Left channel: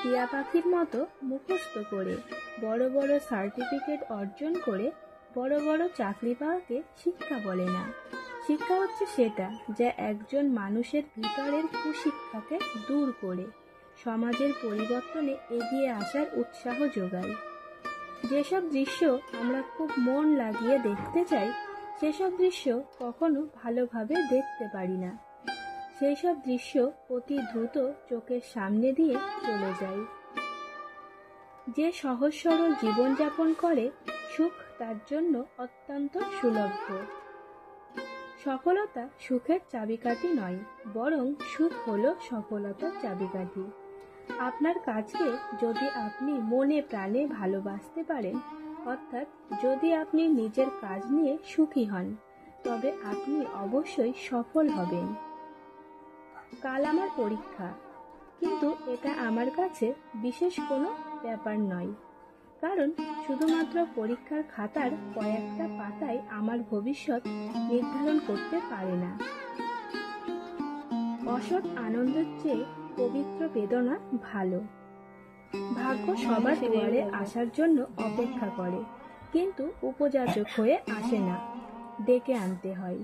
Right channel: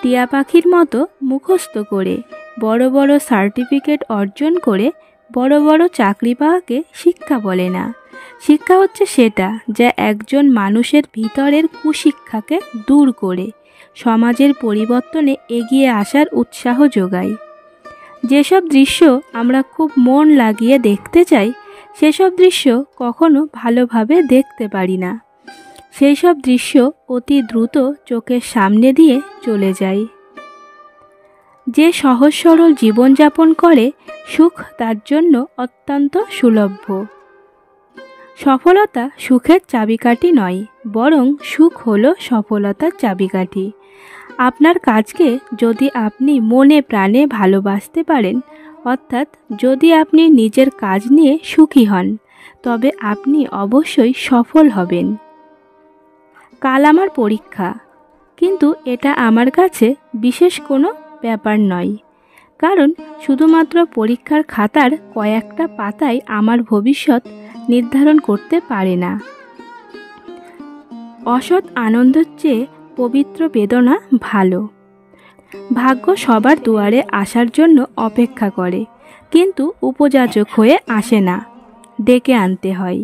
টিয়া পাখির মতো মুখস্থ করে, বড় বড় সার্টিফিকেট অর্জন করে বড় বড় চাকরি পাওয়াকে শিক্ষা বলে না। শিক্ষা হচ্ছে সেটা যা একজন মানুষের ভিতরের কুশিক্ষাকে দূর করে সমাজের পরিবর্তনে এগিয়ে আসার উৎসাহ যোগায়। যেসব দৃশ্য আমরা খুব মন লাগিয়ে দেখতে চাই, সেসব দৃশ্য কখনো ভালোভাবে দেখতে পারি না। সেই সব দৃশ্য অতি দ্রুত চোখের সামনে দিয়ে চলে যায়। যে সহজ সরল জীবনযাপন করে, সুখ তার জন্য অত্যন্ত সুলভ্য। সফলতা সুখের চাবিকাঠি নয়, বরং সুখ হলো সফলতার চাবিকাঠি। আপনার কাজকে যদি আপনি মনে প্রাণে ভালোবাসতে পারেন, অর্থাৎ যদি আপনি নিজের কাজ নিয়ে সুখী হন, তবে আপনি অবশ্যই সফল হবেন। কাল আমার পরীক্ষা, কিন্তু এটা আমার কাছে বিশেষ কোনো ব্যাপার নয়, কারণ শুধুমাত্র পরীক্ষার খাতার কয়েকটা পাতায় আমার ভবিষ্যৎ নির্ধারণ করতে পারে না। অসৎ আনন্দের চেয়ে পবিত্র বেদনা ভালো। ভাগ্য সবার দুয়ারে আসার জন্য অপেক্ষা করে, কিন্তু উপযাচক হয়ে আসে না, ডেকে আনতে হয়।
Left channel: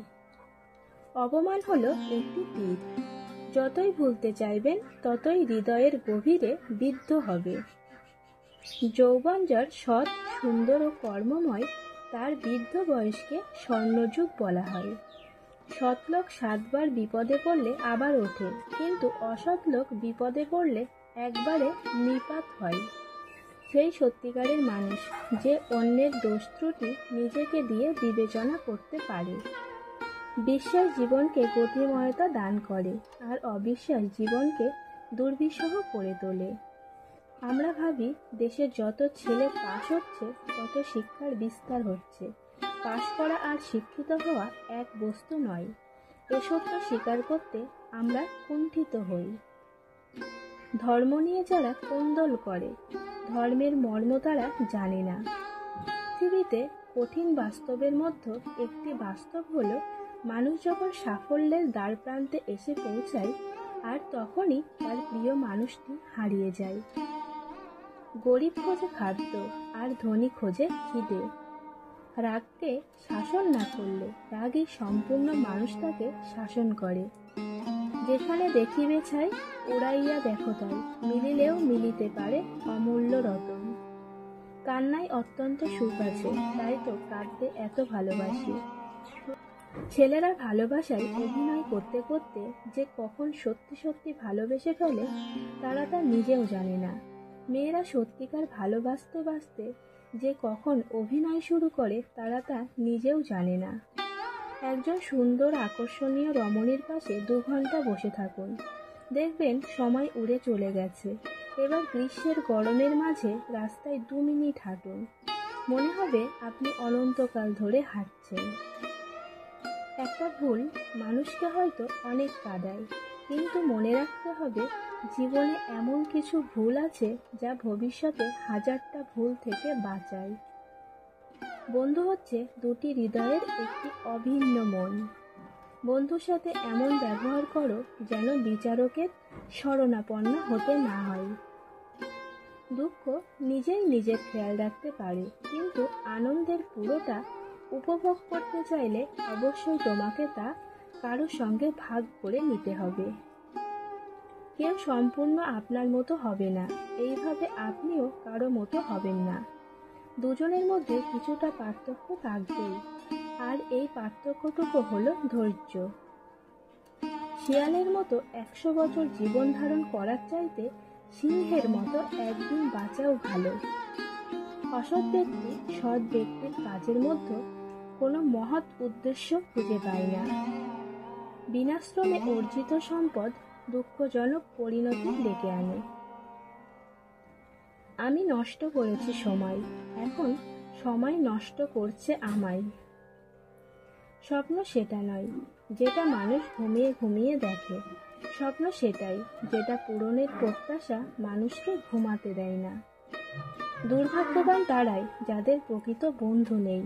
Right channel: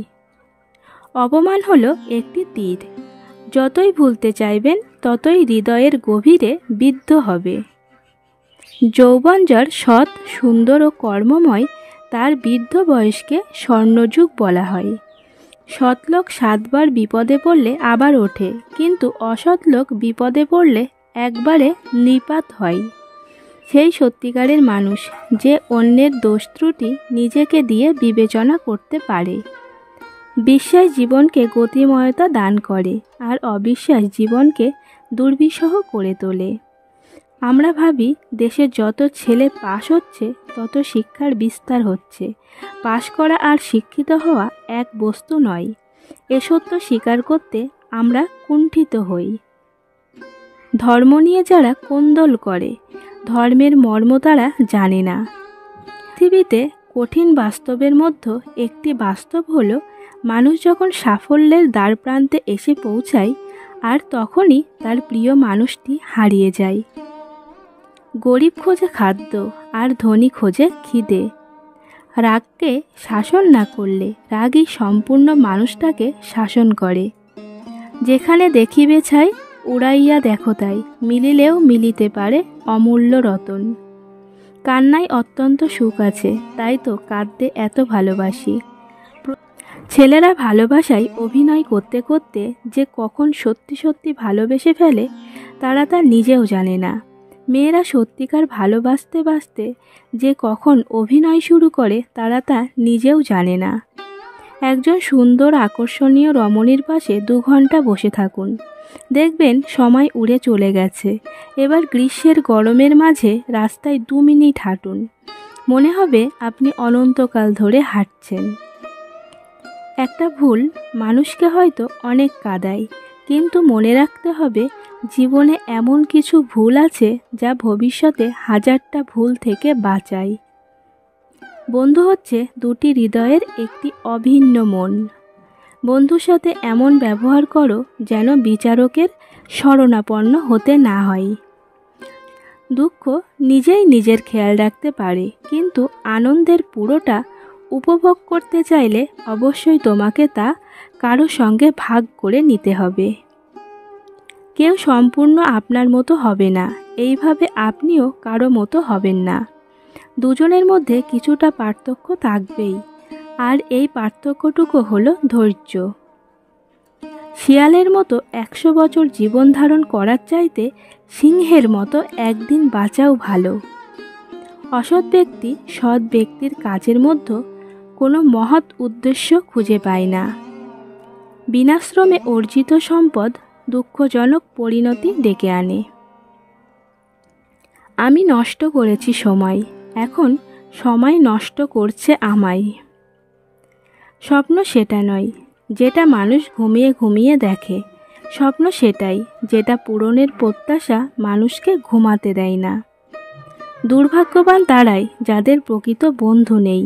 অপমান হলো একটি তীর, যতই ভুলতে চাইবেন ততই হৃদয়ের গভীরে বিদ্ধ হবে। যৌবন যার সৎ, সুন্দর ও কর্মময়, তার বৃদ্ধ বয়সকে স্বর্ণযুগ বলা হয়। সৎ লোক 7 বার বিপদে পড়লে আবার ওঠে, কিন্তু অসৎ লোক বিপদে পড়লে একবারে নিপাত হয়। সেই সত্যিকারের মানুষ যে অন্যের দোষ ত্রুটি নিজেকে দিয়ে বিবেচনা করতে পারে। বিশ্বাস জীবনকে গতিময়তা দান করে, আর অবিশ্বাস জীবনকে দুর্বিষহ করে তোলে। আমরা ভাবি দেশের যত ছেলে পাশ হচ্ছে তত শিক্ষার বিস্তার হচ্ছে। পাশ করা আর শিক্ষিত হওয়া এক বস্তু নয়, এ সত্য স্বীকার করতে আমরা কুণ্ঠিত হই। ধর্ম নিয়ে যারা কোন্দল করে, ধর্মের মর্ম তারা জানে না। পৃথিবীতে কঠিন বাস্তবের মধ্যে একটি বাস্তব হলো, মানুষ যখন সাফল্যের দ্বারপ্রান্তে এসে পৌঁছায়, আর তখনই তার প্রিয় মানুষটি হারিয়ে যায়। গরিব খোঁজে খাদ্য, আর ধনী খোঁজে খিদে। রাগকে শাসন না করলে রাগই সম্পূর্ণ মানুষটাকে শাসন করে। যেখানে দেখিবে ছাই, উড়াইয়া দেখো তাই, মিলিলেও মিলিতে পারে অমূল্য রতন। কান্নায় অত্যন্ত সুখ আছে, তাই তো কাঁদতে এত ভালোবাসি। ছেলেরা ভালোবাসায় অভিনয় করতে করতে যে কখন সত্যি সত্যি ভালোবেসে ফেলে, তারা তা নিজেও জানে না। মেয়েরা সত্যিকার ভালোবাসতে বাসতে যে কখন অভিনয় শুরু করে, তারা তা নিজেও জানে না। একজন সুন্দর আকর্ষণীয় রমণীর পাশে 2 ঘন্টা বসে থাকুন, দেখবেন সময় উড়ে চলে গেছে। এবার গ্রীষ্মের গরমের মাঝে রাস্তায় 2 মিনিট হাঁটুন, মনে হবে আপনি অনন্তকাল ধরে হাঁটছেন। একটা ভুল মানুষকে হয়তো অনেক কাঁদায়, কিন্তু মনে রাখতে হবে জীবনে এমন কিছু ভুল আছে যা ভবিষ্যতে 1000টা ভুল থেকে বাঁচায়। বন্ধু হচ্ছে 2টি হৃদয়ের একটি অভিন্ন মন। বন্ধুর সাথে এমন ব্যবহার করো যেন বিচারকের শরণাপন্ন হতে না হয়। দুঃখ নিজেই নিজের খেয়াল রাখতে পারে, কিন্তু আনন্দের পুরোটা উপভোগ করতে চাইলে অবশ্যই তোমাকে তা কারো সঙ্গে ভাগ করে নিতে হবে। কেউ সম্পূর্ণ আপনার মতো হবে না, এইভাবে আপনিও কারো মতো হবেন না। দুজনের মধ্যে কিছুটা পার্থক্য থাকবেই, আর এই পার্থক্যটুকু হলো ধৈর্য। শিয়ালের মতো 100 বছর জীবন ধারণ করার চাইতে সিংহের মতো একদিন বাঁচাও ভালো। অসৎ ব্যক্তি সৎ ব্যক্তির কাজের মধ্যে কোনো মহৎ উদ্দেশ্য খুঁজে পায় না। বিনাশ্রমে অর্জিত সম্পদ দুঃখজনক পরিণতি ডেকে আনে। আমি নষ্ট করেছি সময়, এখন সময় নষ্ট করছে আমায়। স্বপ্ন সেটা নয় যেটা মানুষ ঘুমিয়ে ঘুমিয়ে দেখে, স্বপ্ন সেটাই যেটা পূরণের প্রত্যাশা মানুষকে ঘুমাতে দেয় না। দুর্ভাগ্যবান তারাই যাদের প্রকৃত বন্ধু নেই।